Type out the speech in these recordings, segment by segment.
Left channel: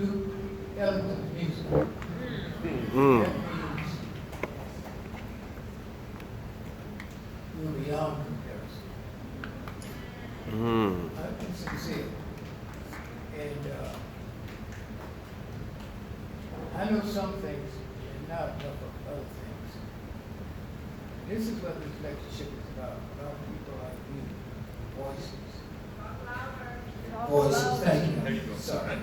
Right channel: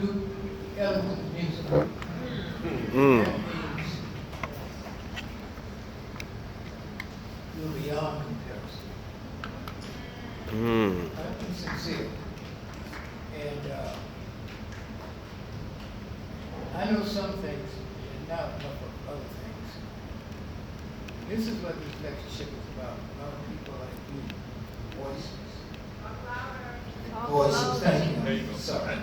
do eloquent music. That means you're beyond comparison. I'm sincere. And I know some things and not enough of other things. This is what this lectureship is about. All people like you, voices. Thank you. There you go. Sorry.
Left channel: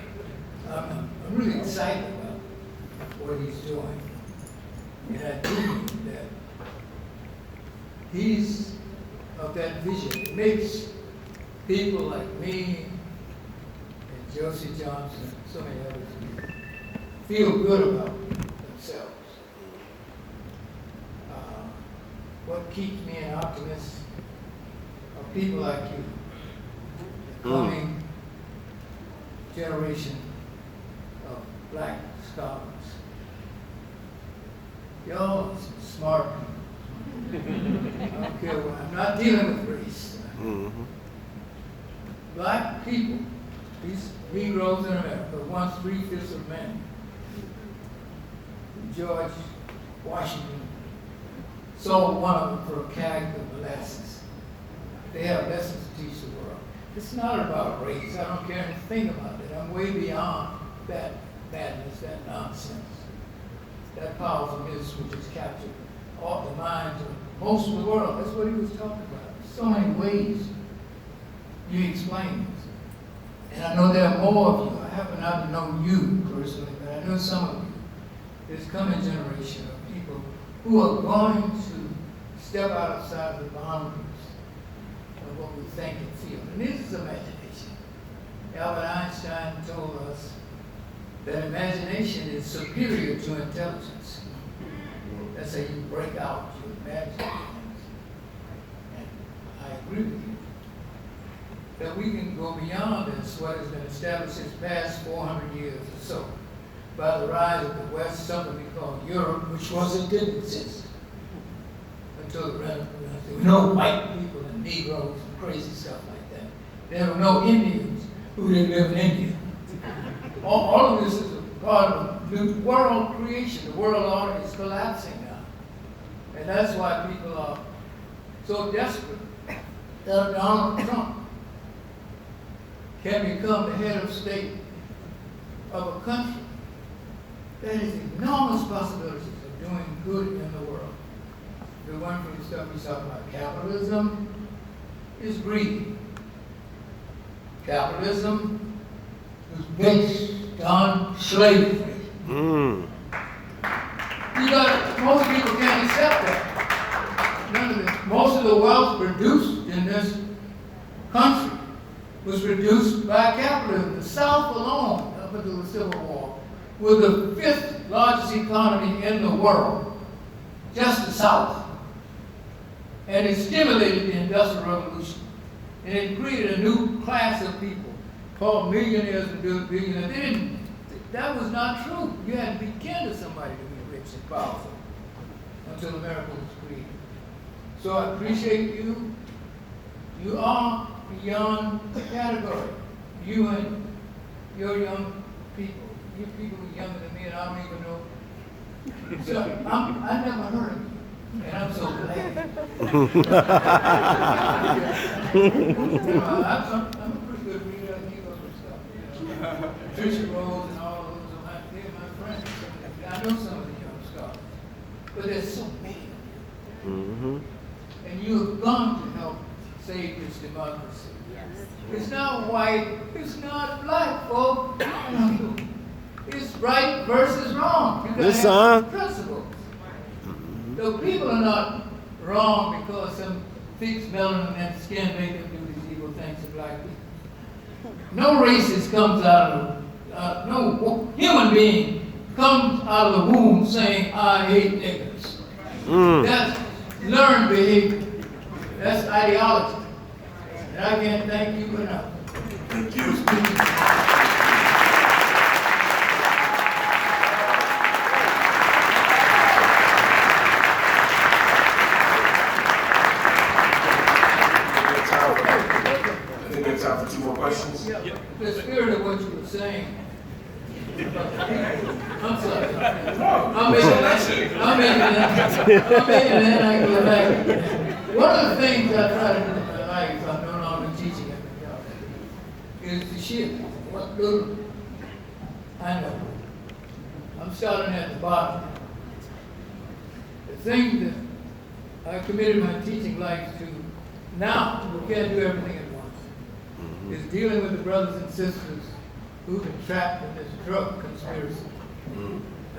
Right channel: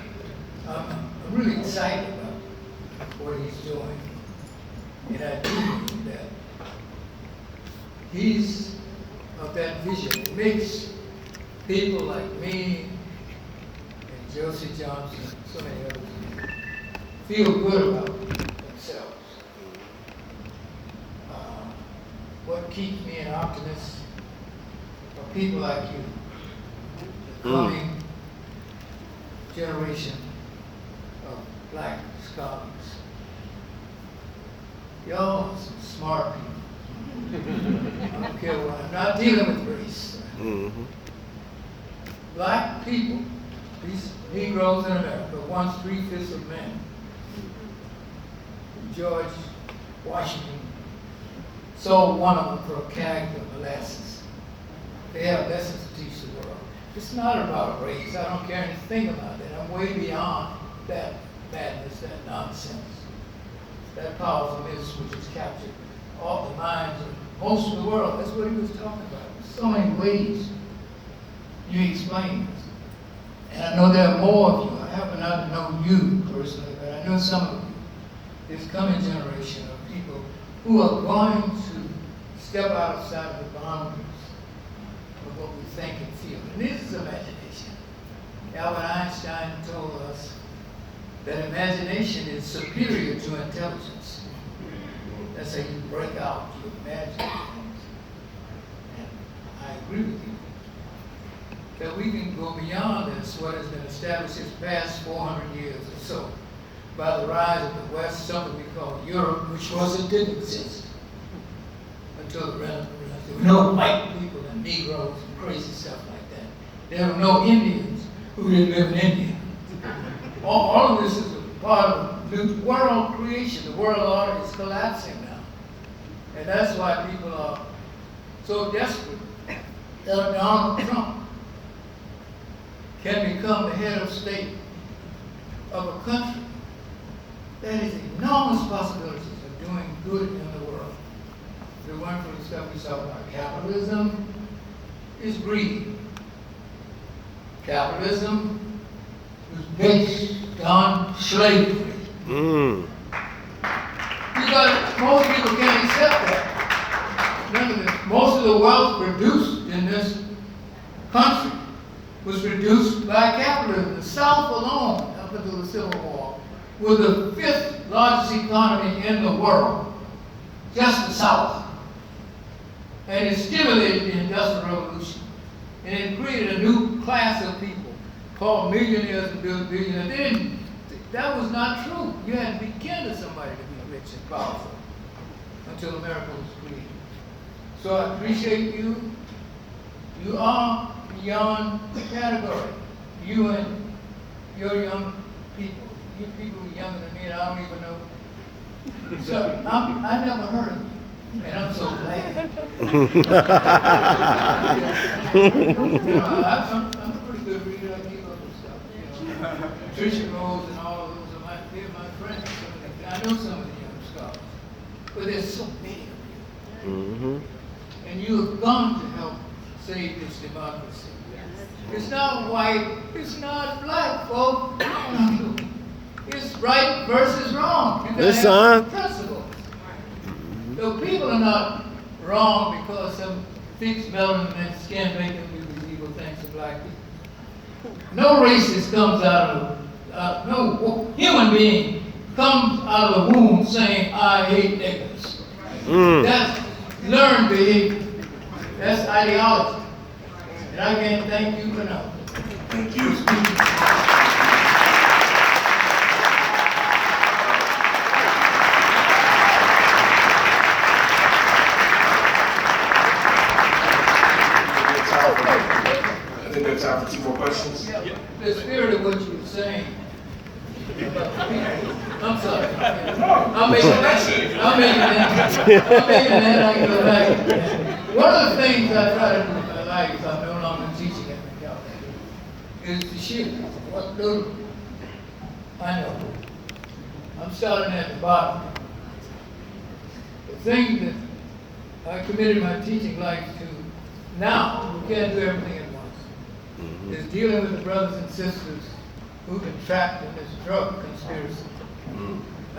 I'm really excited about what he's doing. And I do believe that he's of that vision. It makes people like me and Josie Johnson, so many others, feel good about themselves. What keeps me an optimist are people like you, the coming generation of black scholars. Y'all are some smart people. I don't care what, I'm not dealing with race. Black people, these Negroes in America, once 3/5 of men. George Washington sold one of them for a keg of molasses. They have lessons to teach the world. It's not about race. I don't care anything about it. I'm way beyond that madness, that nonsense, that powerful myth which has captured all the minds of most of the world. That's what he was talking about. So many ways you explain this. And I know there are more of you. I happen not to know you personally, but I know some of you. This coming generation of people who are going to step outside of the boundaries of what we think and feel. And this is imagination. Albert Einstein told us that imagination is superior to intelligence. That's how you break out, you imagine things. And I agree with you. That we can go beyond this, what has been established in the past 400 years or so, by the rise of the West, something we call Europe, which didn't exist until the Renaissance. There were no white people and Negroes and crazy stuff like that. There were no Indians who didn't live in India. All of this is a part of the world creation. The world order is collapsing now. And that's why people are so desperate that Donald Trump can become the head of state of a country that has enormous possibilities of doing good in the world. The one from the stuff we talk about, capitalism is greed. Capitalism is based on slavery. You got, most people can't accept that. Remember, most of the wealth produced in this country was produced by capitalism. The South alone, up until the Civil War, was the 5th largest economy in the world, just the South. And it stimulated the Industrial Revolution. And it created a new class of people called millionaires and billionaires. That was not true. You had to be kin to somebody to be rich and powerful until America was created. So I appreciate you. You are beyond the category. You and your young people. You people who are younger than me and I don't even know. So I never heard of you. And I'm so glad. I'm a pretty good reader. I keep up with stuff. Patricia Rose and all of those they're my friends. I know some of the young scholars. But there's so many of you. And you have gone to help save this democracy. It's not white, it's not black, folks. It's right versus wrong. You gotta have principles. So people are not wrong because some fixed melanin in their skin make them do these evil things to black people. No racist comes out of, no human being comes out of the womb saying, I hate niggers. That's learned behavior. That's ideology. And I can't thank you enough. Thank you. Time for 2 more questions. The spirit of what you were saying I'm sorry. I'm making that like a life. One of the things I try to do in my life, I'm no longer teaching at Macalester, is to share what little I know. I'm starting at the bottom. The thing that I committed my teaching life to now, we can't do everything at once, is dealing with the brothers and sisters who've been trapped in this drug conspiracy.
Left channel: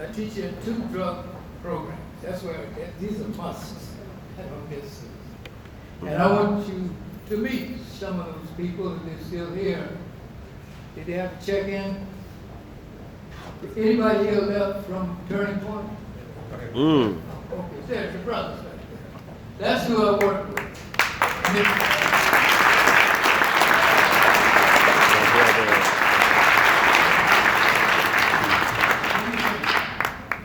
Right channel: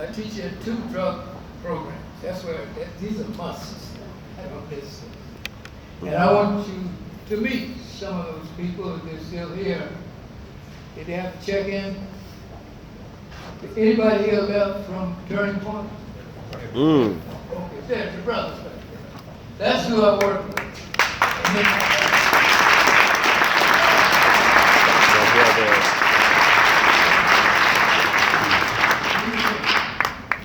I teach in 2 drug programs. That's where these are musts. I don't miss them. And I want you to meet some of those people if they're still here. Did they have to check in? Anybody here left from Turning Point? Okay, there's your brothers back there. That's who I work with.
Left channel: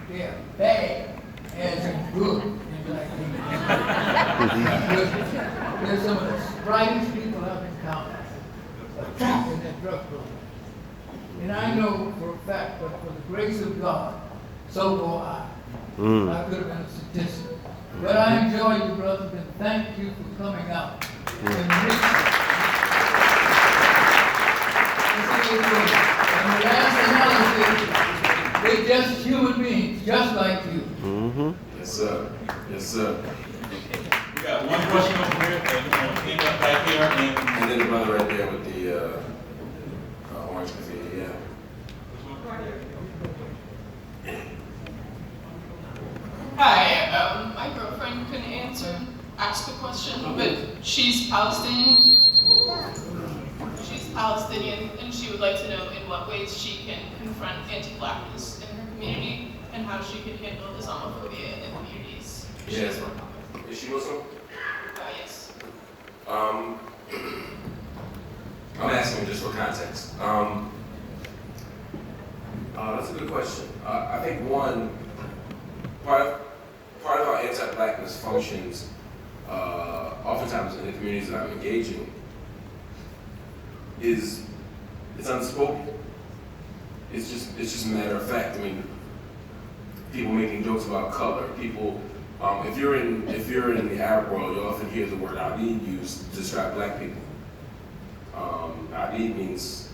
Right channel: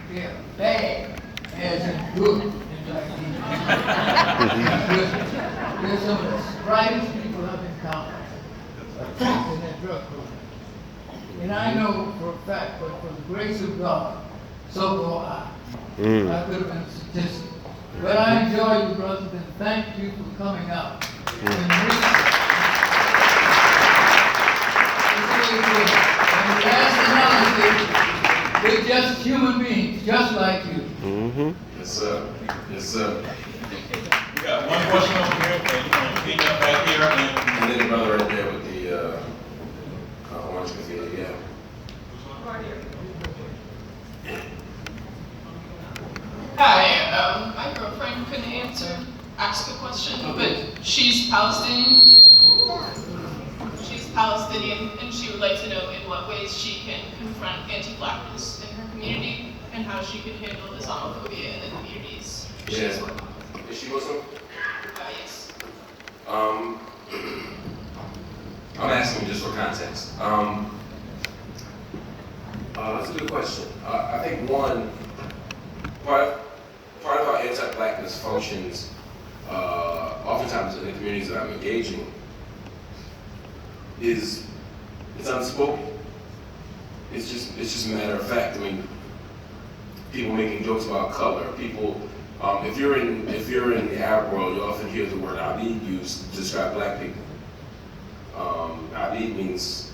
They're bad as in good. They're some of the brightest people I've encountered. Trapped in that drug program. And I know for a fact, but for the grace of God, so go I. I could have been a statistic. But I enjoy you, brothers, and thank you for coming out. And last analysis, they're just human beings, just like you. Yes, sir. Yes, sir. We got one question over here, and you can back here. And then the brother right there with the orange cafe, yeah. Hi, my girlfriend couldn't ask a question, but she's Palestinian. She's Palestinian, and she would like to know in what ways she can confront anti-blackness in her community and how she can handle Islamophobia in the communities she's worked on. Is she Muslim? Yes. I'm asking just for context. That's a good question. I think one, part of how anti-blackness functions, oftentimes in the communities that I'm engaging, is it's unspoken. It's just a matter of fact. I mean, people making jokes about color. People, if you're in the Arab world, you often hear the word Abid used to describe black people. Abid means,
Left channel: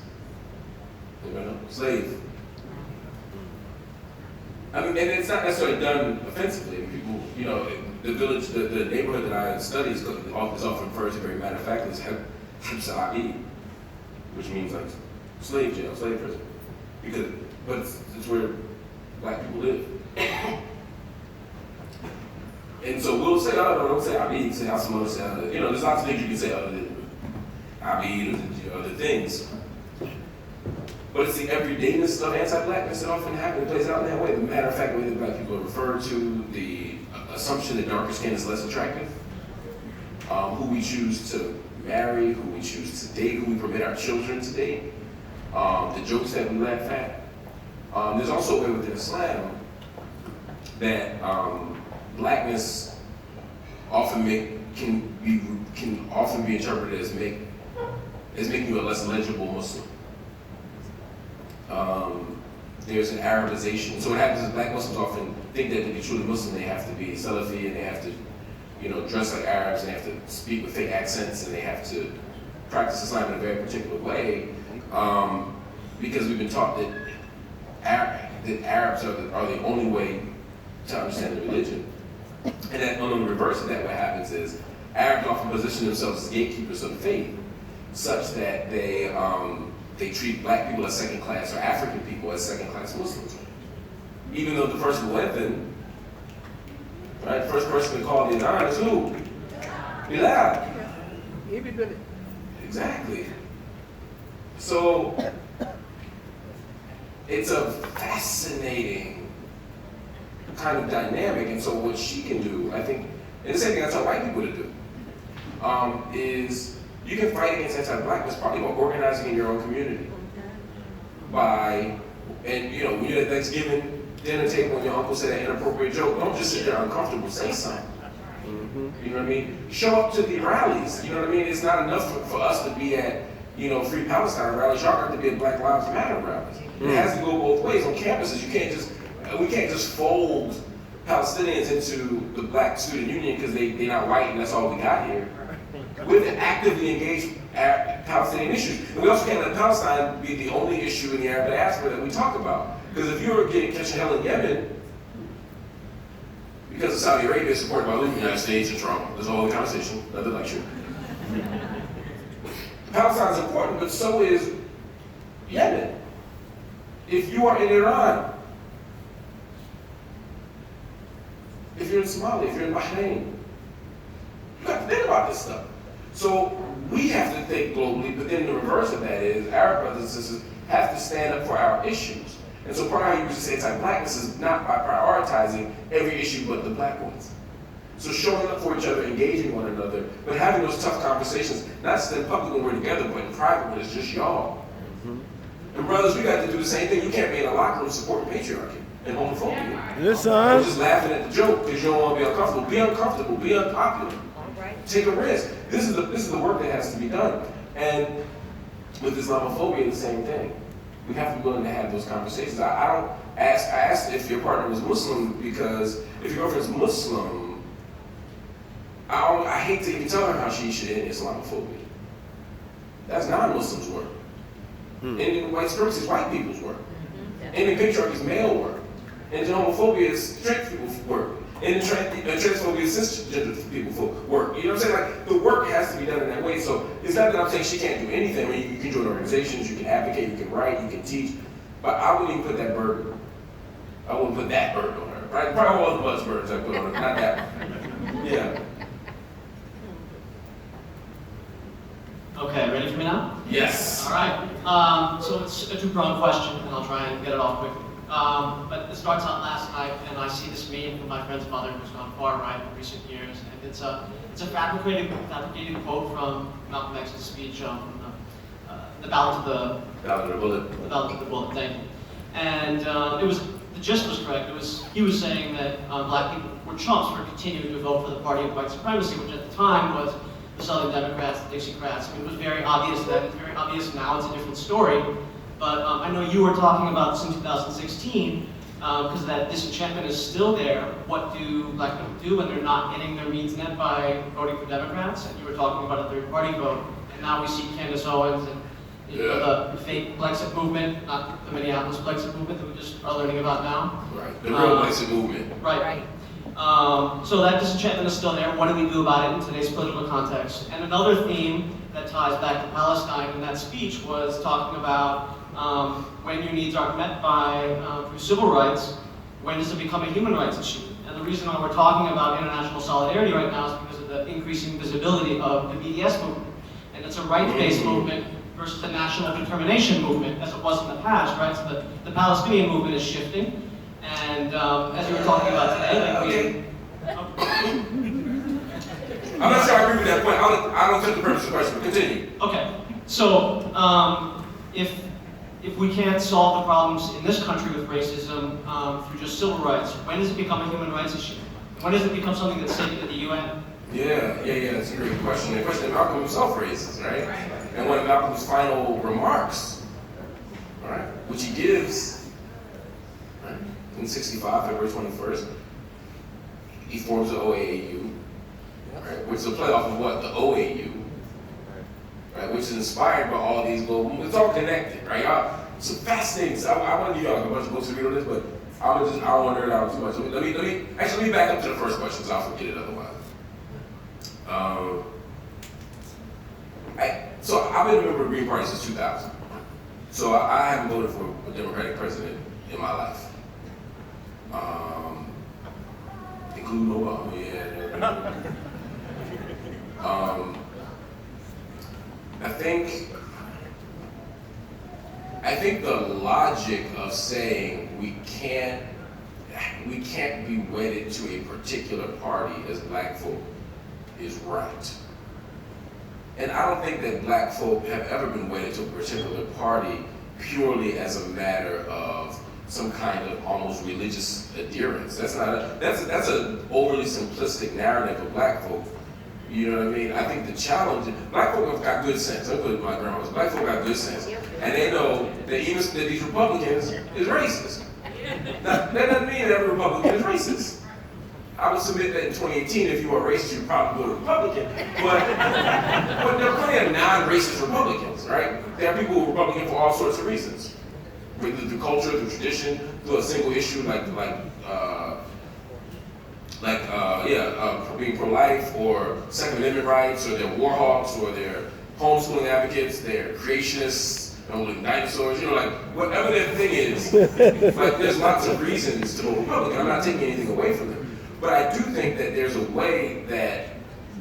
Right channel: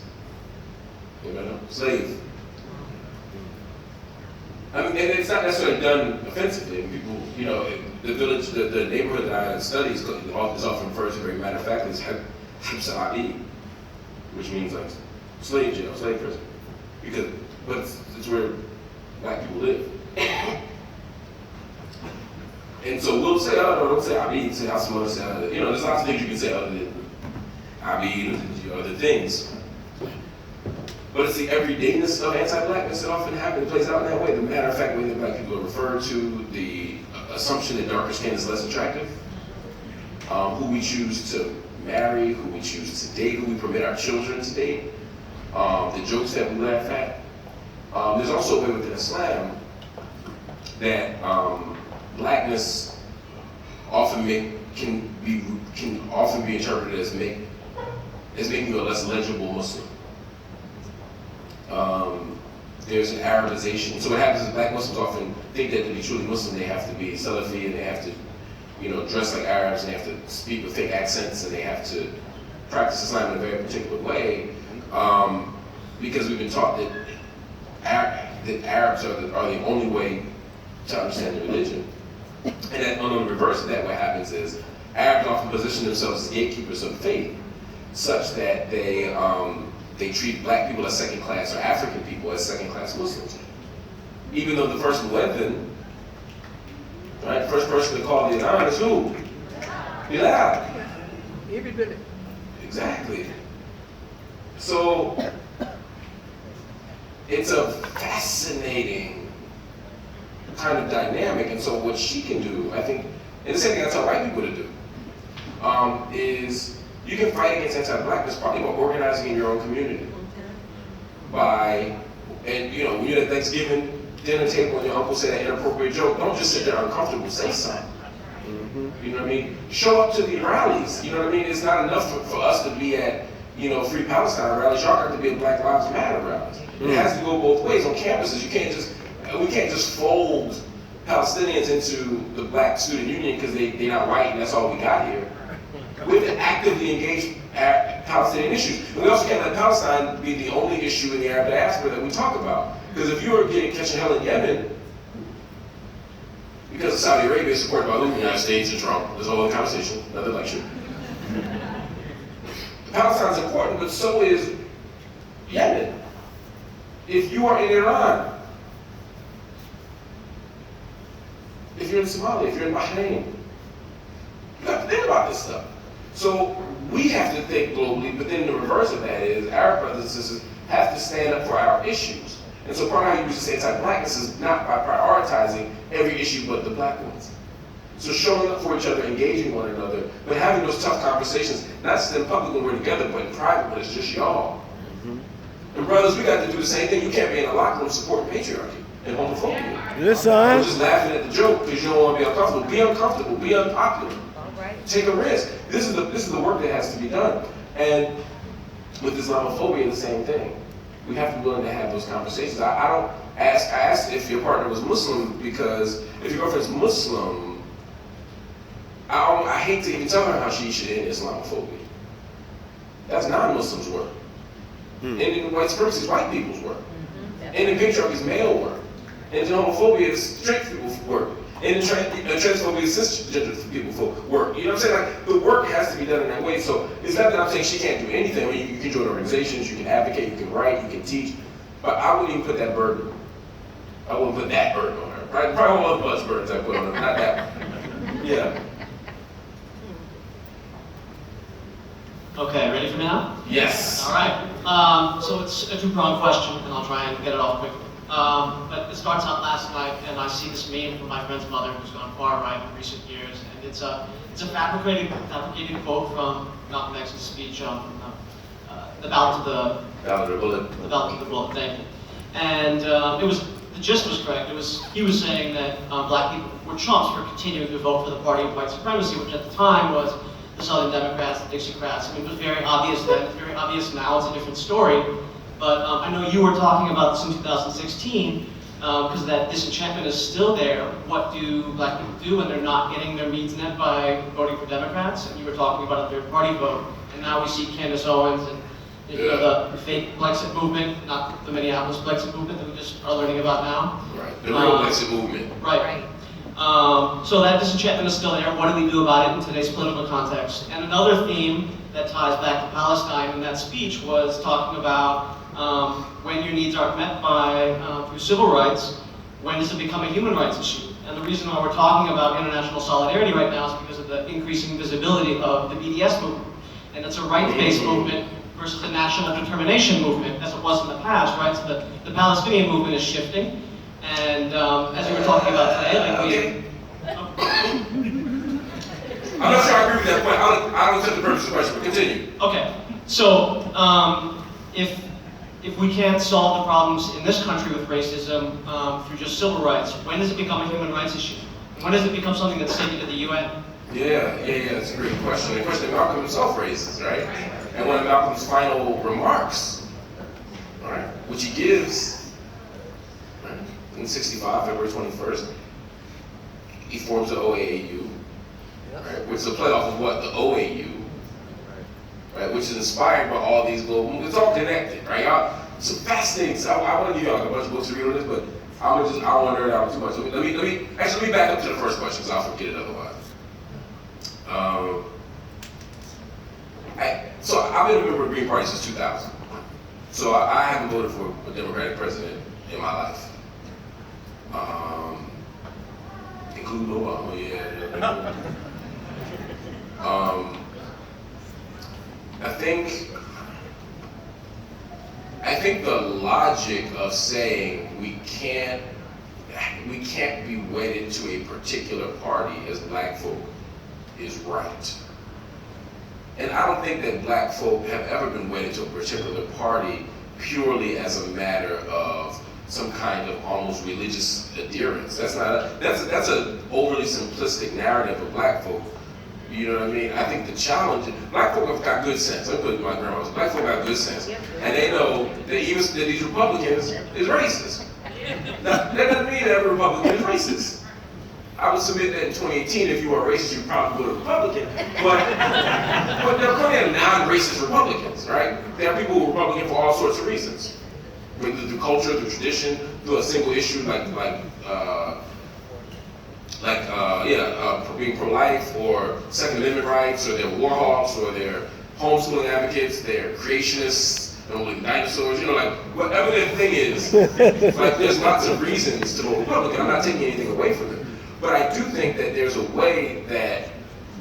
slave. I mean, and it's not necessarily done offensively. People, the village, the neighborhood that I study is often referred to very matter of fact as Hibs Abid, which means like slave jail, slave prison. But it's where black people live. And so we'll say, don't say Abid, say Hassan, say, there's lots of things you can say other than Abid and other things. But it's the everydayness of anti-blackness that often plays out in that way. The matter of fact, way that black people are referred to, the assumption that darker skin is less attractive, who we choose to marry, who we choose to date, who we permit our children to date, the jokes that we laugh at. There's also a way within Islam that blackness can often be interpreted as making you a less legible Muslim. There's an Arabization. So what happens is black Muslims often think that to be truly Muslim, they have to be Salafi and they have to, dress like Arabs and they have to speak with thick accents and they have to practice Islam in a very particular way, because we've been taught that Arabs are the only way to understand the religion. And that on the reverse of that, what happens is Arabs often position themselves as gatekeepers of faith, such that they treat black people as second class or African people as second class Muslims. Even though the first muezzin, right, the first person to call the adhan is who? Bilal. Everybody. Exactly. So it's a fascinating kind of dynamic, and so what she can do, I think, and the same thing I tell white people to do, is you can fight against anti-blackness partly by organizing in your own community. When you're at Thanksgiving dinner table and your uncle said an inappropriate joke, don't just sit there uncomfortable, say something. You know what I mean? Show up to the rallies. You know what I mean? It's not enough for us to be at, Free Palestine rallies, y'all have to be a Black Lives Matter rallies. It has to go both ways on campuses. We can't just fold Palestinians into the Black Student Union because they're not white and that's all we got here. We have to actively engage Palestinian issues. And we also can't let Palestine be the only issue in the Arab diaspora that we talk about. Because if you were catching hell in Yemen, because of Saudi Arabia is supported by the United States and Trump, there's a whole conversation, another lecture. Palestine's important, but so is Yemen. If you are in Iran, if you're in Somalia, if you're in Bahrain, you have to think about this stuff. So we have to think globally, but then the reverse of that is our brothers and sisters have to stand up for our issues. And so part of how you used to say anti-Blackness is not by prioritizing every issue but the Black ones. So showing up for each other, engaging one another, but having those tough conversations, not just in public when we're together, but in private when it's just y'all. And brothers, we got to do the same thing. You can't be in a locker room supporting patriarchy and homophobia. Yes, son. Or just laughing at the joke because you don't want to be uncomfortable. Be uncomfortable, be unpopular. Take a risk. This is the work that has to be done. And with Islamophobia, the same thing. We have to be willing to have those conversations. I asked if your partner was Muslim because if your girlfriend's Muslim, I hate to even tell her how she should end Islamophobia. That's non-Muslims' work. Ending white supremacy is white people's work. Ending patriarchy is male work. Ending homophobia is straight people's work. Ending transphobia is cisgender people's work. You know what I'm saying? Like, the work has to be done in that way. So it's not that I'm saying she can't do anything. I mean, you can join organizations, you can advocate, you can write, you can teach. But I wouldn't even put that burden. I wouldn't put that burden on her. Right? Probably all of us burdens I put on her, not that one. Yeah. Okay, ready for now? Yes. All right. So it's a two-pronged question, and I'll try and get it off quickly. But it starts out last night, and I see this meme from my friend's mother, who's gone far right in recent years, and it's a fabricated quote from Malcolm X's speech on the ballot of the bullet. Thank you. And the gist was correct. He was saying that Black people were chumps for continuing to vote for the party of white supremacy, which at the time was the Southern Democrats, the Dixiecrats. I mean, it was very obvious then. It's very obvious now. It's a different story. But I know you were talking about this in 2016, because that disenchantment is still there. What do Black people do when they're not getting their needs met by voting for Democrats? And you were talking about a third party vote. And now we see Candace Owens and the fake Brexit movement, not the Minneapolis Brexit movement that we just are learning about now. Right, the real Brexit movement. Right. So that disenchantment is still there. What do we do about it in today's political context? And another theme that ties back to Palestine in that speech was talking about when your needs aren't met by through civil rights, when does it become a human rights issue? And the reason why we're talking about international solidarity right now is because of the increasing visibility of the BDS movement. And it's a rights-based movement versus the national determination movement, as it was in the past, right? So the Palestinian movement is shifting. And as you were talking about today, I'm not sure I agree with that point. I don't take the purpose of the question, but continue. Okay, so if we can't solve the problems in this country with racism through just civil rights, when does it become a human rights issue? When does it become something that's taken to the UN? Yeah, that's a great question. The question that Malcolm himself raises, right? And one of Malcolm's final remarks, right, which he gives in 65, February 21st, he forms the OAAU, right, which is a playoff of what? The OAU, right, which is inspired by all these global, it's all connected, right? Y'all, some fascinating stuff. I want to give y'all a bunch of books to read on this, but I don't want to nerd out too much. So let me back up to the first question, because I'll forget it otherwise. So I've been a member of the Green Party since 2000. So I haven't voted for a Democratic president in my life. Including Obama, yeah. I think the logic of saying we can't be wedded to a particular party as Black folk is right. And I don't think that Black folk have ever been wedded to a particular party purely as a matter of some kind of almost religious adherence. That's an overly simplistic narrative of Black folk. You know what I mean? I think the challenge, black folk have got good sense. I'm putting my grandmas. Black folk got good sense. And they know that even that these Republicans is racist. Now, that doesn't mean that every Republican is racist. I would submit that in 2018, if you were racist, you'd probably vote Republican. But there are plenty of non-racist Republicans, right? There are people who are Republican for all sorts of reasons. The culture, the tradition, through a single issue being pro-life, or Second Amendment rights, or they're war hawks, or they're homeschooling advocates, they're creationists, don't believe dinosaurs, whatever their thing is, there's lots of reasons to vote Republican. I'm not taking anything away from them. But I do think that there's a way that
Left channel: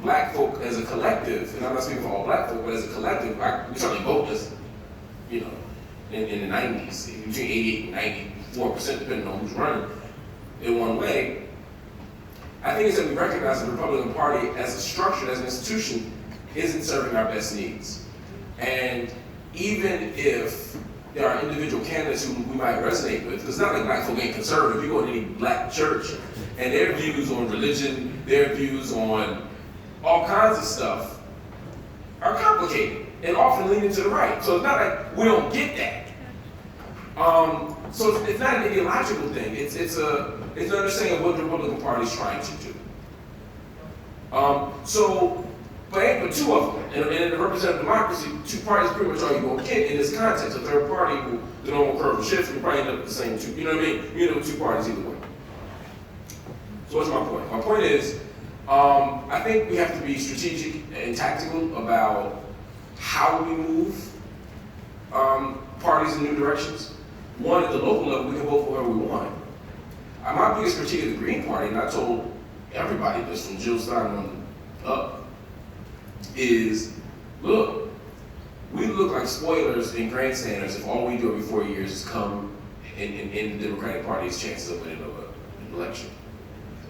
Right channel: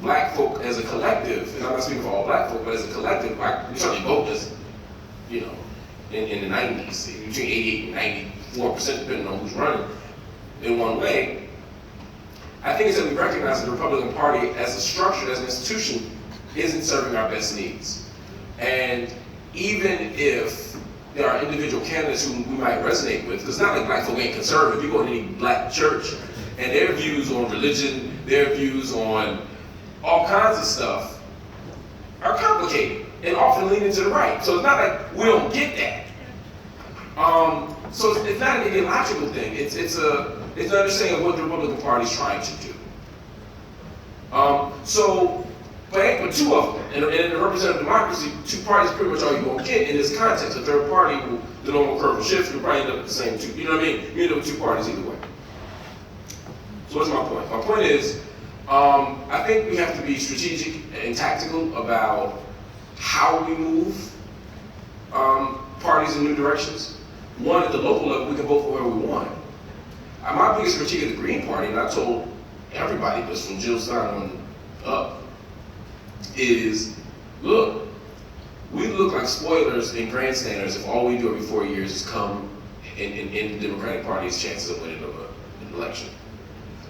black folk as a collective, and I'm not speaking for all black folk, but as a collective, we certainly vote as, in the 90s, between 88 and 94%, depending on who's running, in one way. I think it's that we recognize that the Republican Party as a structure, as an institution, isn't serving our best needs. And even if there are individual candidates who we might resonate with, because it's not like black folk ain't conservative. You go to any black church, and their views on religion, their views on all kinds of stuff are complicated and often leaning to the right. So it's not like we don't get that. So it's not an ideological thing. It's an understanding of what the Republican Party is trying to do. But two of them, and in a representative democracy, two parties pretty much all you're going to get in this context. A third party, the normal curve of shifts, will probably end up with the same two. You know what I mean? You end up with two parties either way. So what's my point? My point is, I think we have to be strategic and tactical about how we move parties in new directions. One, at the local level, we can vote for whoever we want. My biggest critique of the Green Party, and I told everybody this from Jill Stein on up, is, look, we look like spoilers and grandstanders if all we do every 4 years is come and the Democratic Party's chances of winning an election.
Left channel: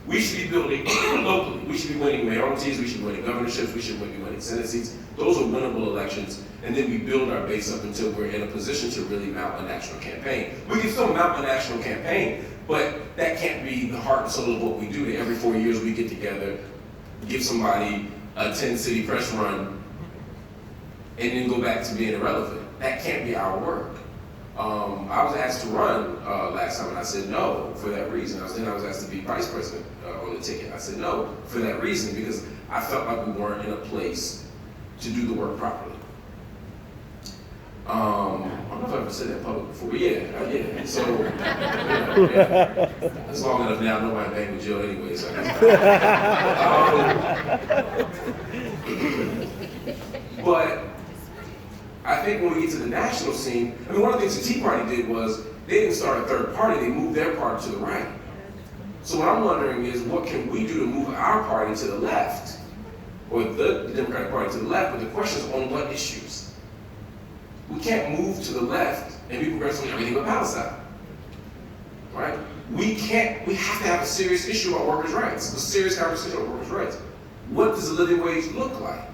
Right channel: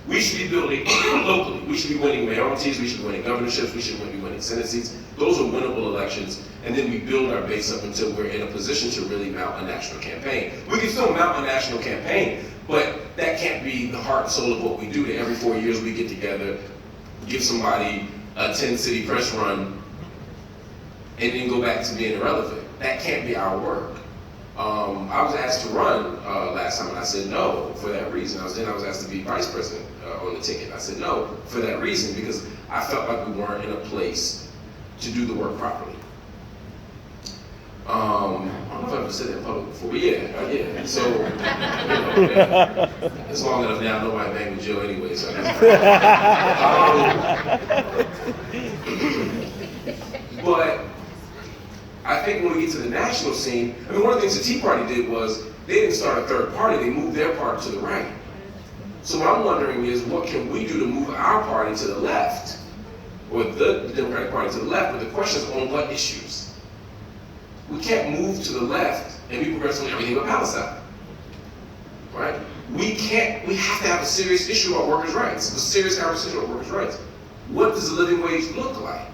We should be building locally. We should be winning mayoralties, we should be winning governorships, we should be winning Senate seats. Those are winnable elections, and then we build our base up until we're in a position to really mount a national campaign. We can still mount a national campaign, but that can't be the heart and soul of what we do. That every 4 years we get together, give somebody a 10-city press run, and then go back to being irrelevant. That can't be our work. I was asked to run last time, and I said no for that reason. I was asked to be vice president on the ticket. I said no for that reason, because I felt like we weren't in a place to do the work properly. I don't know if I've ever said that in public before, but yeah. So, it's long enough now, nobody banged with Joe anyway, so but I think when we get to the national scene, one of the things the Tea Party did was they didn't start a third party, they moved their party to the right. So what I'm wondering is, what can we do to move our party to the left, or the Democratic Party to the left? But the question is, on what issues? We can't move to the left and be progressive on everything but Palestine, right? We have to have a serious issue about workers' rights, a serious conversation about workers' rights. What does a living wage look like?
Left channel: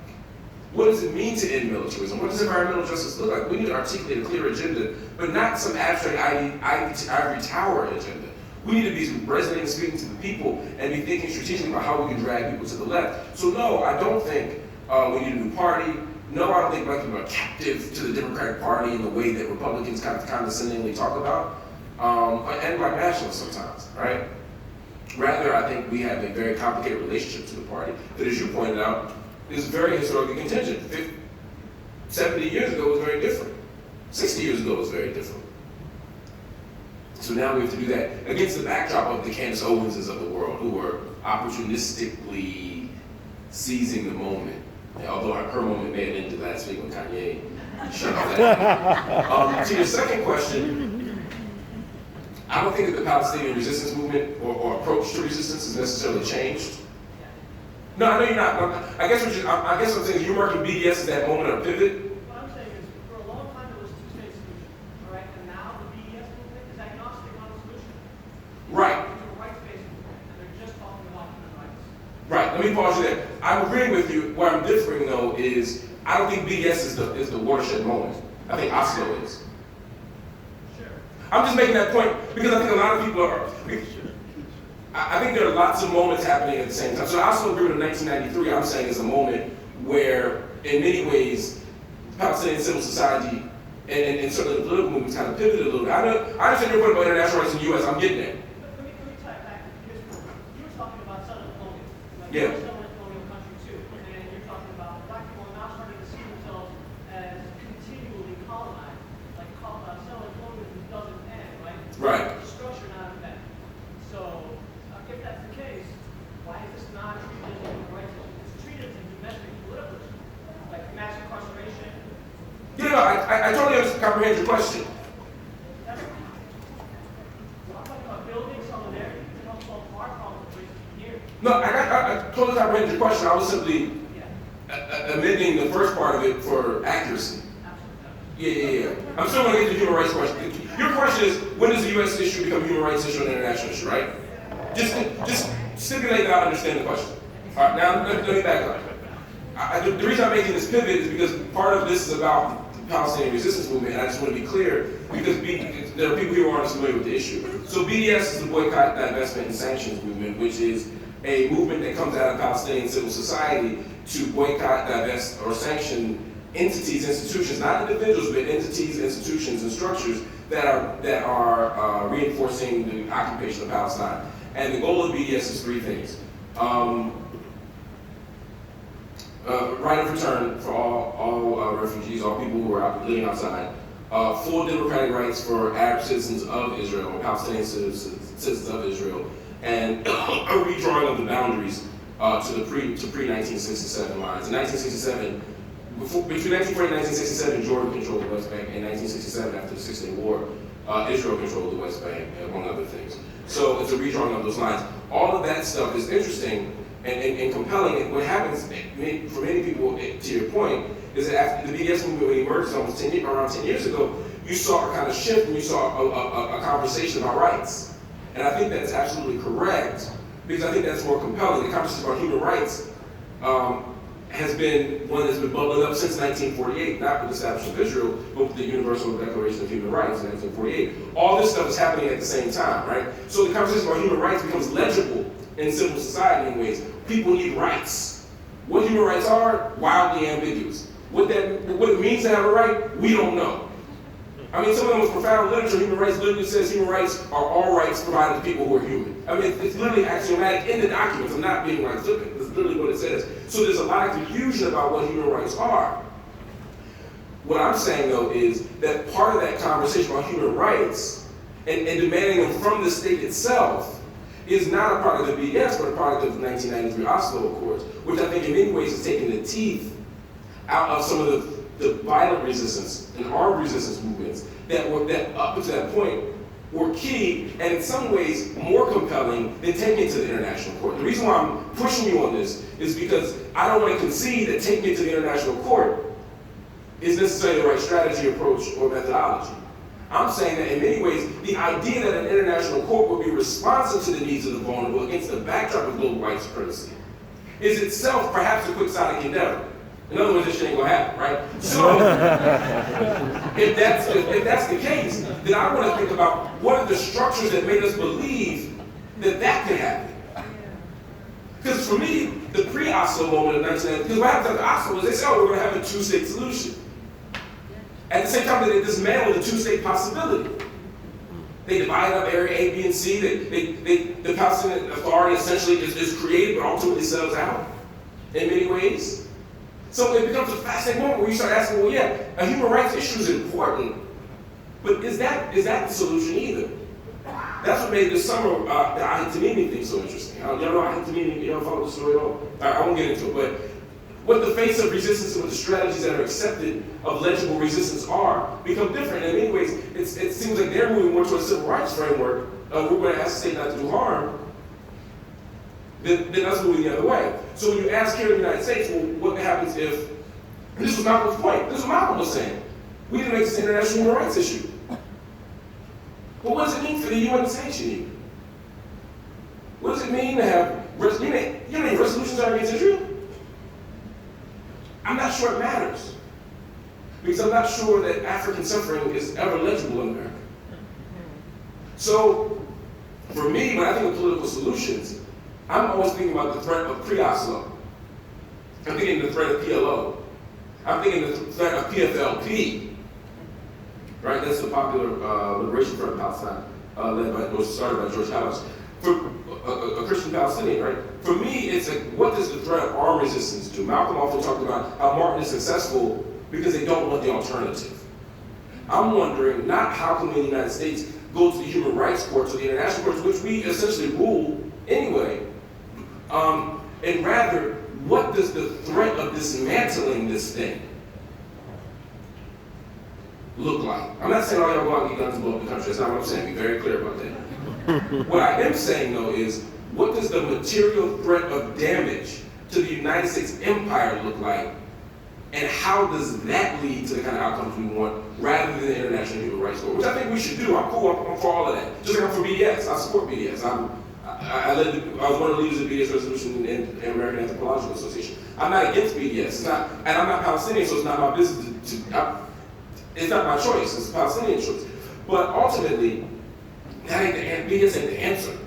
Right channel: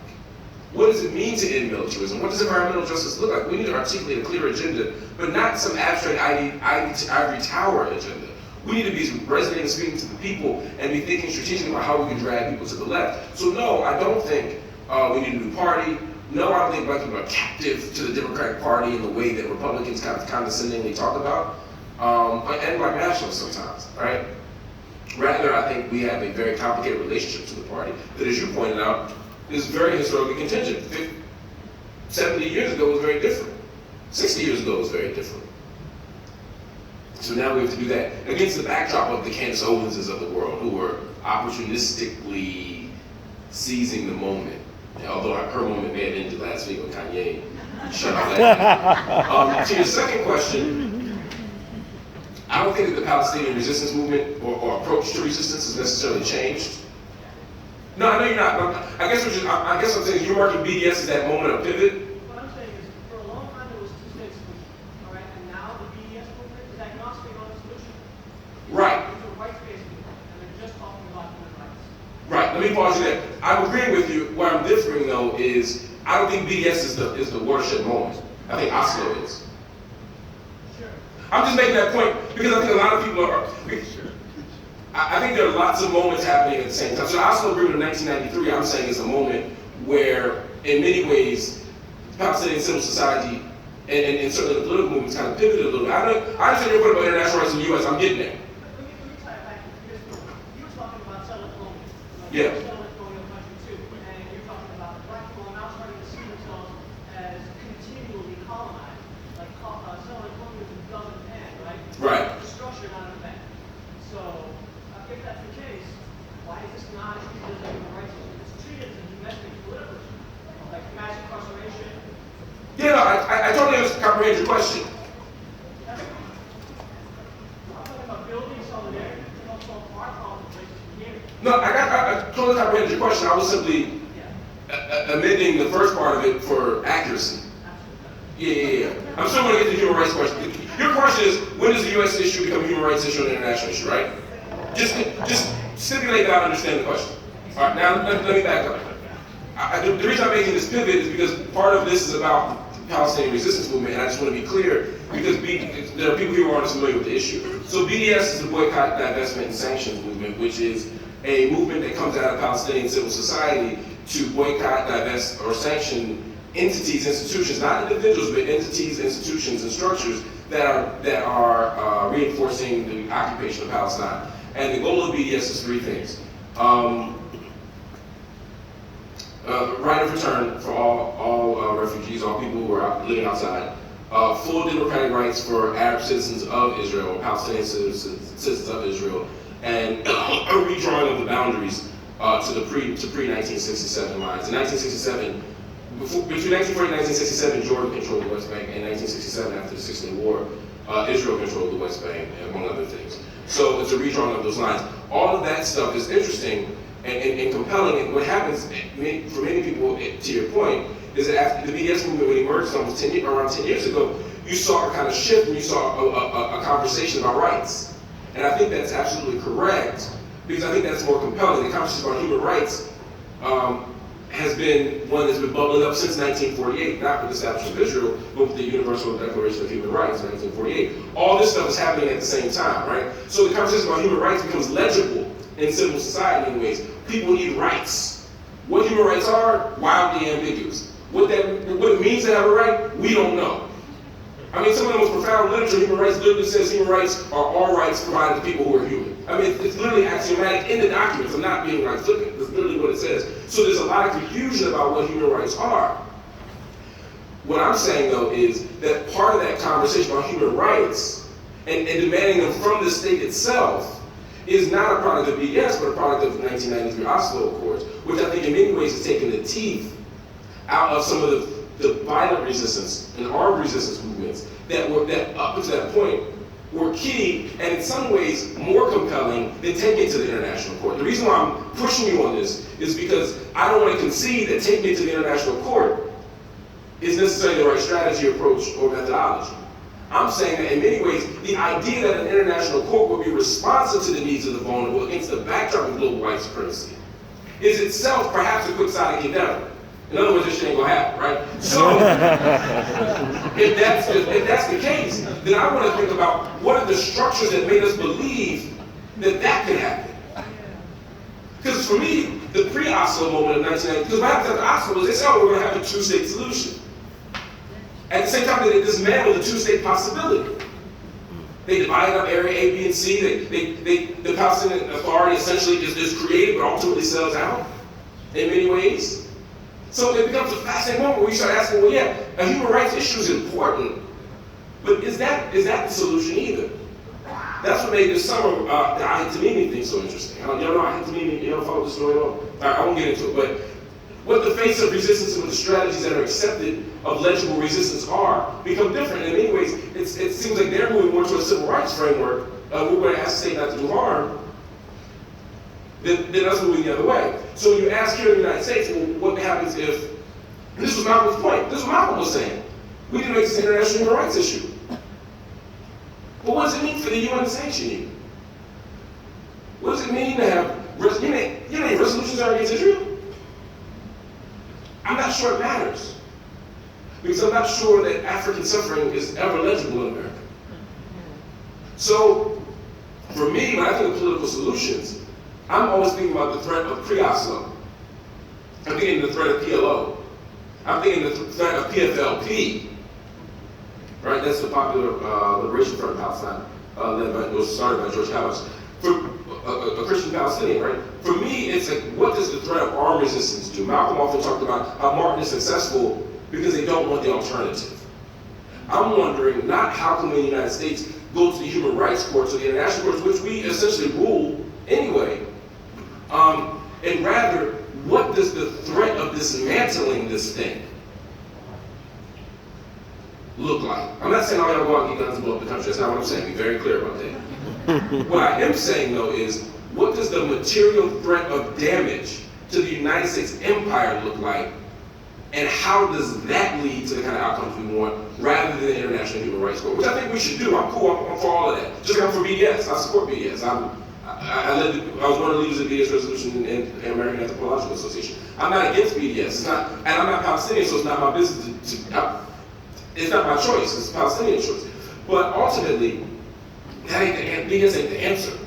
What does it mean to end militarism? What does environmental justice look like? We need to articulate a clear agenda, but not some abstract ivory tower agenda. We need to be resonating and speaking to the people and be thinking strategically about how we can drag people to the left. So no, I don't think we need a new party. No, I don't think black people are captive to the Democratic Party in the way that Republicans kind of condescendingly talk about, and black nationalists sometimes, right? Rather, I think we have a very complicated relationship to the party that, as you pointed out, is very historically contingent. 70 years ago was very different. 60 years ago was very different. So now we have to do that against the backdrop of the Candace Owenses of the world, who were opportunistically seizing the moment. Although her moment may have ended last week when Kanye shut off that. To your second question, I don't think that the Palestinian resistance movement or approach to resistance has necessarily changed. No, I know you're not. I guess I'm saying you're marking BDS as that moment of pivot. What I'm saying is, for a long time there was two-state solution, all right? And now the BDS movement is agnostic on the solution. Right. It's a rights-based movement, and they're just talking about human rights. Right. Let me pause you there. I'm agreeing with you. Where I'm differing though is I don't think BDS is the watershed moment. I think Oslo is. Sure. I'm just making that point because I think a lot of people are. I think there are lots of moments happening at the same time. So I also agree with 1993, I'm saying is a moment where, in many ways, Palestinian civil society and certainly the political movement kind of pivoted a little bit. I understand your point about international rights in the U.S., I'm getting there. Let me tie it back to this. You were talking about Southern colonial. Like Yeah. Southern colonial country too. And you're talking about black people now starting to see themselves as continually colonized. Like Southern colonialism doesn't end, right? Right. It's a structure, not an event. So if that's the case, why is this not treated as a human rights issue? It's treated as a domestic political issue, like mass incarceration. Yeah, no, I totally comprehend your question. I'm talking about building solidarity to help solve our problems here. No, I totally comprehend your question. I was simply amending the first part of it for accuracy. Yeah. I'm still going to get to the human rights question. Your question is, when does the U.S. issue become a human rights issue and an international issue, right? Just stipulate that I understand the question. All right, now let me back up. The reason I'm making this pivot is because part of this is about the Palestinian resistance movement, and I just want to be clear, because there are people who aren't familiar with the issue. So BDS is the Boycott, Divestment, and Sanctions movement, which is a movement that comes out of Palestinian civil society to boycott, divest, or sanction entities, institutions, not individuals, but entities, institutions, and structures that are reinforcing the occupation of Palestine. And the goal of BDS is three things. Right of return for all refugees, all people who are living outside. Full democratic rights for Arab citizens of Israel, Palestinian citizens of Israel, and a redrawing of the boundaries to pre-1967 lines. In 1967, between 1940 and 1967, Jordan controlled the West Bank. In 1967, after the 6 Day War, Israel controlled the West Bank, among other things. So it's a redrawing of those lines. All of that stuff is interesting and compelling. And what happens for many people, to your point, is that after the BDS movement emerged almost around 10 years ago, you saw a kind of shift when you saw a conversation about rights. And I think that's absolutely correct, because I think that's more compelling. The conversation about human rights has been one that's been bubbling up since 1948, not with the establishment of Israel, but with the Universal Declaration of Human Rights in 1948. All this stuff is happening at the same time, right? So the conversation about human rights becomes legible in civil society in ways. People need rights. What human rights are, wildly ambiguous. What it means to have a right, we don't know. I mean, some of the most profound literature, human rights literally says human rights are all rights provided to people who are human. I mean, it's literally axiomatic in the documents. I'm not being right flippant. That's literally what it says. So there's a lot of confusion about what human rights are. What I'm saying, though, is that part of that conversation about human rights and demanding them from the state itself is not a product of BDS, but a product of the 1993 Oslo Accords, which I think in many ways has taken the teeth out of some of the violent resistance and armed resistance movements that up to that point were key and in some ways more compelling than taking it to the international court. The reason why I'm pushing you on this is because I don't want to concede that taking it to the international court is necessarily the right strategy, approach, or methodology. I'm saying that in many ways, the idea that an international court would be responsive to the needs of the vulnerable against the backdrop of global white supremacy is itself perhaps a quixotic endeavor. In other words, this shit ain't gonna happen, right? So, if that's the case, then I want to think about what are the structures that made us believe that could happen. Because for me, the pre-Oslo moment of 1990, because what happens after Oslo is they say, oh, we're gonna have a two-state solution. At the same time, they dismantled the two-state possibility. They divided up area A, B, and C. The Palestinian Authority essentially is created, but ultimately sells out in many ways. So it becomes a fascinating moment where you start asking, well, yeah, a human rights issue is important, but is that the solution either? That's what made this summer the Al-Tamimi thing so interesting. You know, Al-Tamimi, you know, follow the story at all? I won't get into it, but what the face of resistance and what the strategies that are accepted of legible resistance are become different. In many ways, it seems like they're moving more towards a civil rights framework. We're going to ask the state not to do harm. Then us moving the other way. So when you ask here in the United States, well, what happens if, and this was Malcolm's point, this is what Malcolm was saying, we need to make this an international human rights issue. But what does it mean for the UN to sanction you? What does it mean to have, you know any resolutions are against Israel? I'm not sure it matters. Because I'm not sure that African suffering is ever legible in America. So, For me, when I think of political solutions, I'm always thinking about the threat of pre-Oslo. I'm thinking of the threat of PLO. I'm thinking of the threat of PFLP. Right? That's the Popular Liberation Front of Palestine, was started by George Howard. For a Christian Palestinian, right? For me, it's like, what does the threat of armed resistance do? Malcolm also talked about how Martin is successful because they don't want the alternative. I'm wondering, not how can we in the United States go to the human rights courts or the international courts, which we essentially rule anyway, and rather, what does the threat of dismantling this thing look like? I'm not saying all y'all go out and get guns and blow up the country. That's not what I'm saying. Be very clear about that. What I am saying, though, is what does the material threat of damage to the United States empire look like, and how does that lead to the kind of outcomes we want, rather than the International Human Rights Court, which I think we should do. I'm cool. I'm for all of that. Just like I'm for BDS. I support BDS. I was one of the leaders of the BDS resolution in the American Anthropological Association. I'm not against BDS. It's not, and I'm not Palestinian, so it's not my business it's not my choice. It's the Palestinian choice. But ultimately, that ain't BDS ain't the answer.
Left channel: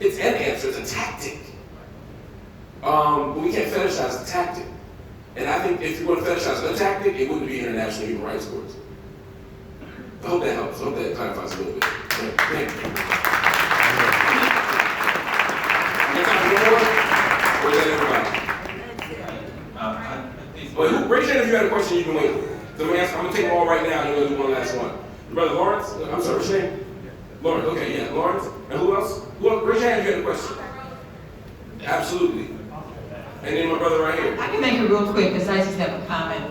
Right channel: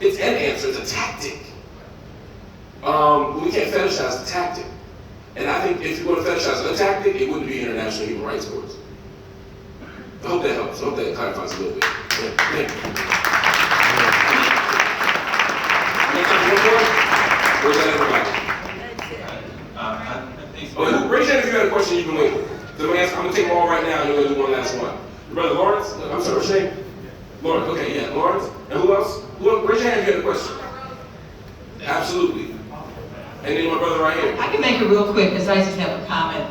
It's an answer. It's a tactic. But we can't fetishize the tactic. And I think if you want to fetishize a tactic, it wouldn't be international human rights courts. I hope that helps. I hope that clarifies a little bit. Thank you. Raise your hand if you had a question you can wait. I'm going to take them all right now, and you're going to do one last one. Brother Lawrence? I'm sorry, what's your name? Lawrence, okay, yeah, Lawrence. And who else? Raise your hand if you had a question. Absolutely. And then my brother right here. I can make it real quick, because I just have a comment.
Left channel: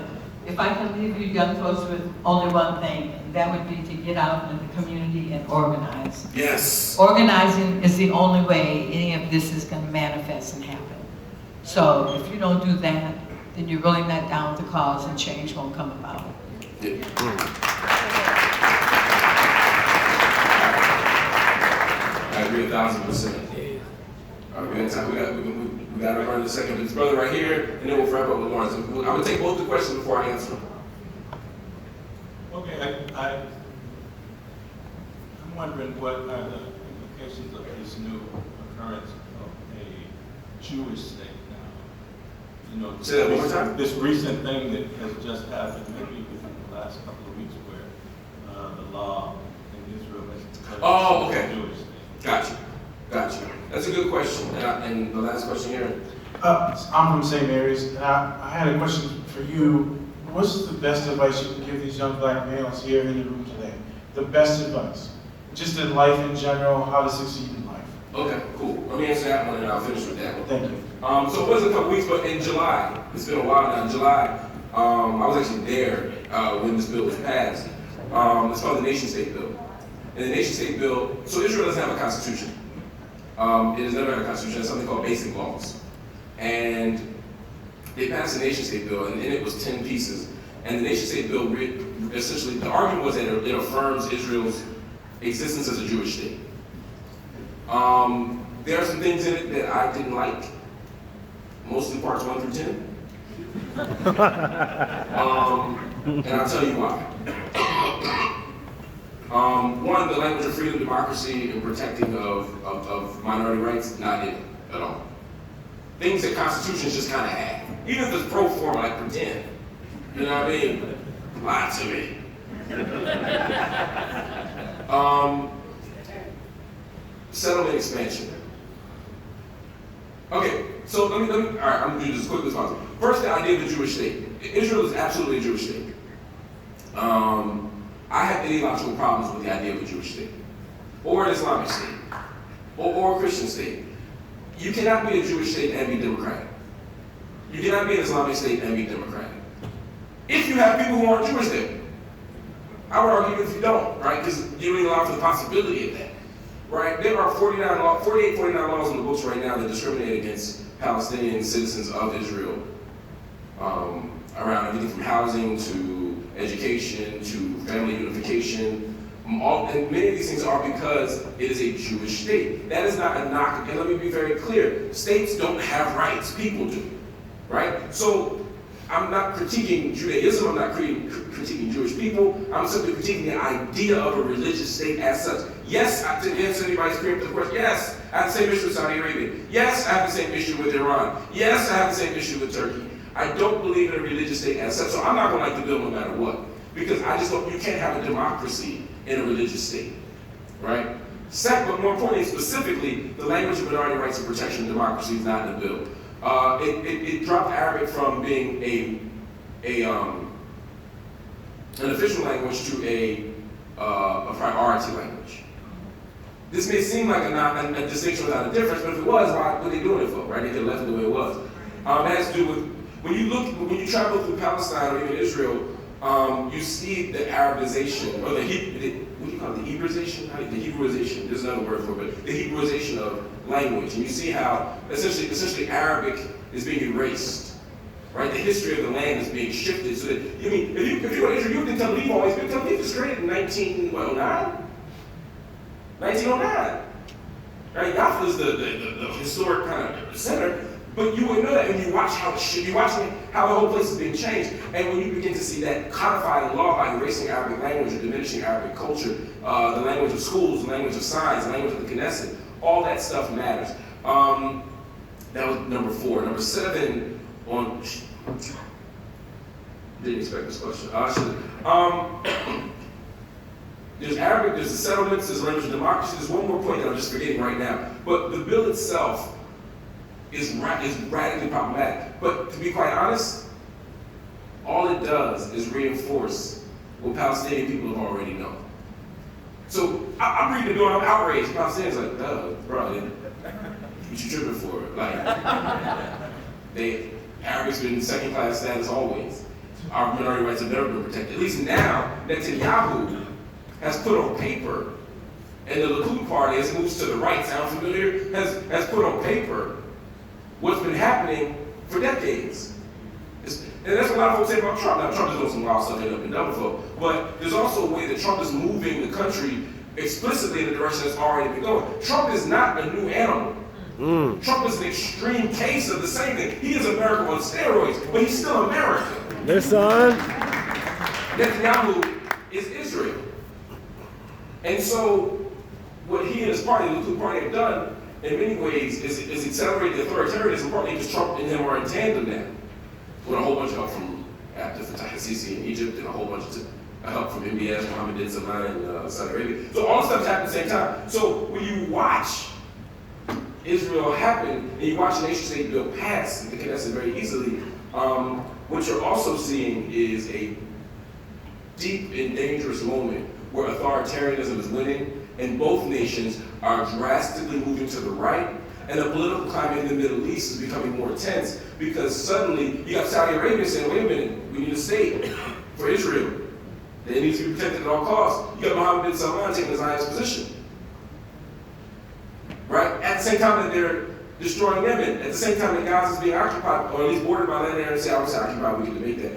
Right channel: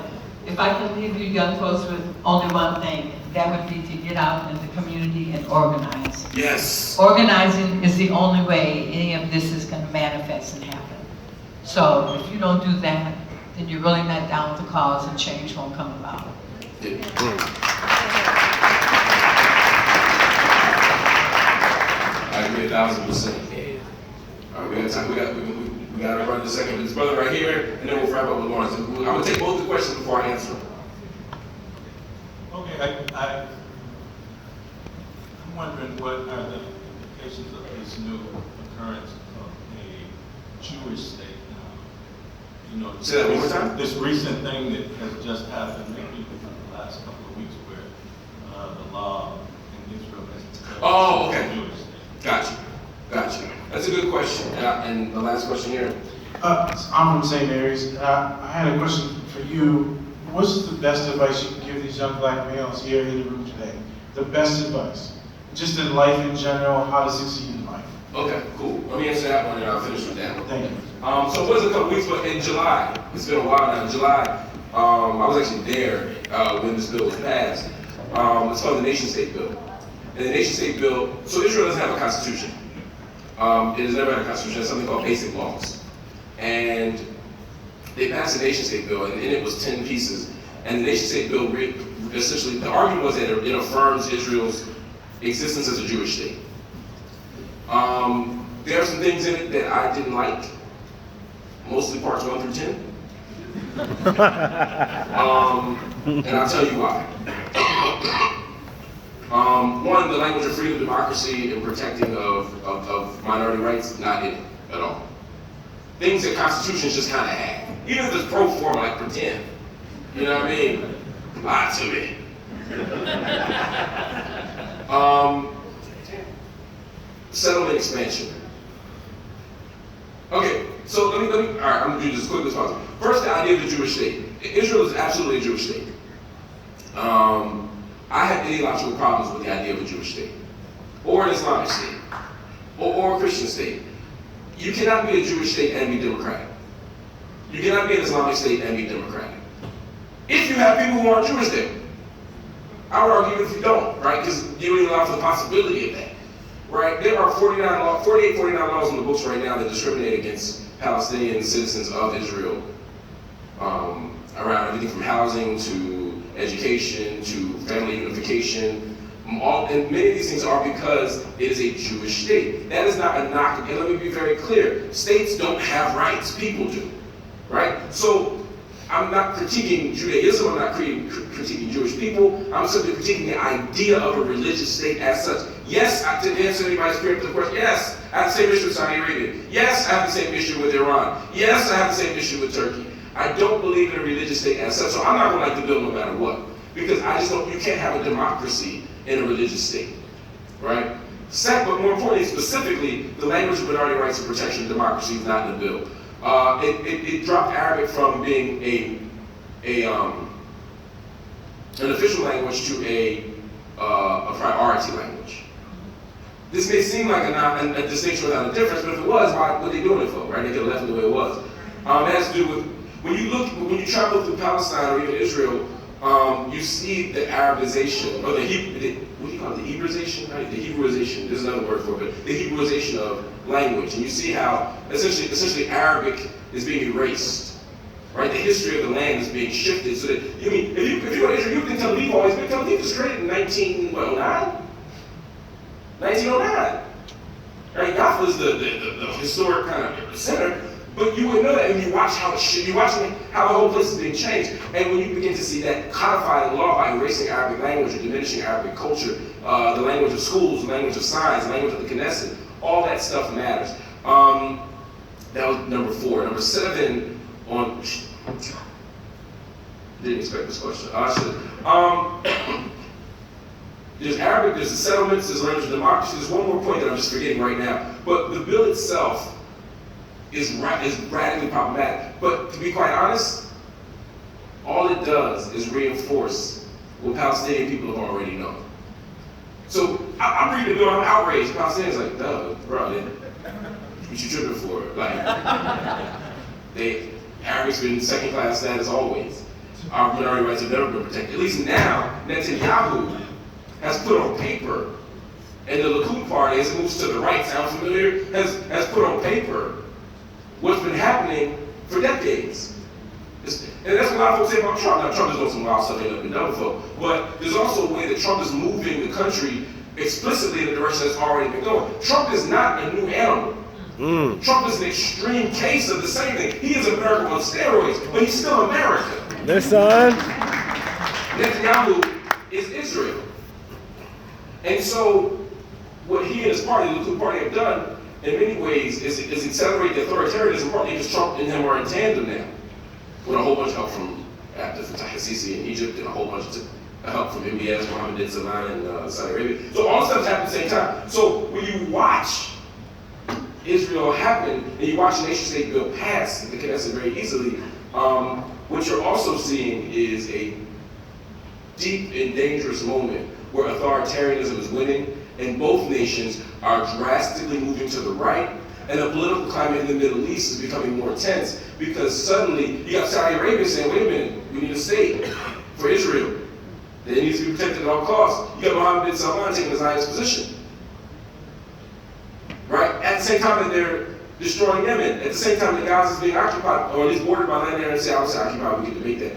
If I could leave you young folks with only one thing, that would be to get out in the community and organize. Yes. Organizing is the only way any of this is going to manifest and happen. So if you don't do that, then you're really not down with the cause, and change won't come about. Yeah. I agree 1,000%. All right, we got time. We got to run the second. This brother right here, and then we'll wrap up with Lawrence. I'm going to take both the questions before I answer them. Okay, I'm wondering what are the implications of this new occurrence of a Jewish state now? You know, say that one more time. This recent thing that has just happened, maybe within the last couple of weeks, where the law in Israel has declared a Jewish state. Gotcha. That's a good question. And the last question here. I'm from St. Mary's. I had a question for you. What's the best advice you can give these young black males here in the room today? The best advice, just in life in general, how to succeed in life. Okay, cool. Let me answer that one, and I'll finish with that one. Thank you. So it wasn't a couple weeks, but in July, it's been a while now. In July, I was actually there when this bill was passed. It's called the Nation-State Bill. And the Nation-State Bill, so Israel doesn't have a constitution. It has never had a constitution. It has something called basic laws. And they passed the Nation-State Bill, and in it was 10 pieces. And the Nation-State Bill, essentially, the argument was that it affirms Israel's existence as a Jewish state. There are some things in it that I didn't like, mostly parts 1 through 10. And I'll tell you why. One, the language of freedom, democracy, and protecting of minority rights, not in it at all. Things that constitutions just kind of have. Even if it's pro forma, like pretend. You know what I mean? Lie to me. Settlement expansion. Okay, so let me, all right, I'm gonna do this as quickly as possible. First, the idea of the Jewish state. Israel is absolutely a Jewish state. I have ideological problems with the idea of a Jewish state, or an Islamic state, or a Christian state. You cannot be a Jewish state and be democratic. You cannot be an Islamic state and be democratic. If you have people who aren't Jewish there. I would argue if you don't, right? Because you don't allow for the possibility of that, right? There are 49 laws in the books right now that discriminate against Palestinian citizens of Israel around everything from housing to education to family unification. And many of these things are because it is a Jewish state. That is not a knock, and let me be very clear. States don't have rights, people do, right? So I'm not critiquing Judaism, I'm not critiquing Jewish people, I'm simply critiquing the idea of a religious state as such. Yes, to answer anybody's preemptive question, yes, I have the same issue with Saudi Arabia. Yes, I have the same issue with Iran. Yes, I have the same issue with Turkey. I don't believe in a religious state as such, so I'm not going to like the bill no matter what. Because I just don't, you can't have a democracy in a religious state, right? Second, but more importantly, specifically, the language of minority rights and protection and democracy is not in the bill. It dropped Arabic from being an official language to a priority language. This may seem like a distinction without a difference, but if it was, why what are they doing it for, right? They could have left it the way it was. It has to do with, when you travel through Palestine or even Israel, you see the Arabization, or what do you call it, the Hebraization? Right? The Hebrewisation, there's another word for it, but the Hebrewisation of language. And you see how essentially Arabic is being erased, right? The history of the land is being shifted. So that, if you go to Israel, you've been Tel Aviv always, but Tel Aviv was created in 1909? 1909. Right? Jaffa is the historic kind of center. But you would know that when you watch how the whole place is being changed, and when you begin to see that codified law by erasing Arabic language or diminishing Arabic culture, the language of schools, the language of science, the language of the Knesset, all that stuff matters. That was number 4. Number 7 on. Didn't expect this question. I should. There's Arabic, there's the settlements, there's language of democracy. There's one more point that I'm just forgetting right now. But the bill itself is radically problematic. But to be quite honest, all it does is reinforce what Palestinian people have already known. So I'm reading the bill, I'm outraged. Palestinians are like, duh, bro, what you tripping for? Like, Arabic's been second-class status always. Our minority rights have never been protected. At least now, Netanyahu has put on paper, and the Likud party, as it moves to the right, sound familiar, has put on paper what's been happening for decades. And that's what a lot of folks say about Trump. Now, Trump is doing some wild stuff they haven't been done before, but there's also a way that Trump is moving the country explicitly in the direction that's already been going. Trump is not a new animal. Trump is an extreme case of the same thing. He is America on steroids, but he's still America. Listen. Netanyahu is Israel. And so, what he and his party, the Likud party, have done in many ways is accelerate the authoritarianism, partly because Trump and him are in tandem now, with a whole bunch of help from Abdel Fattah al-Sisi in Egypt and a whole bunch of help from MBS, Mohammed bin Salman in Saudi Arabia. So all this stuff happened at the same time. So when you watch Israel happen, and you watch the nation-state bill pass in the Knesset very easily, what you're also seeing is a deep and dangerous moment where authoritarianism is winning, and both nations are drastically moving to the right, and the political climate in the Middle East is becoming more tense because suddenly you got Saudi Arabia saying, wait a minute, we need a state for Israel. It needs to be protected at all costs. You got Mohammed bin Salman taking the Zionist position. Right? At the same time that they're destroying Yemen, at the same time that Gaza is being occupied, or at least bordered by land air and say, obviously occupied, we can debate that.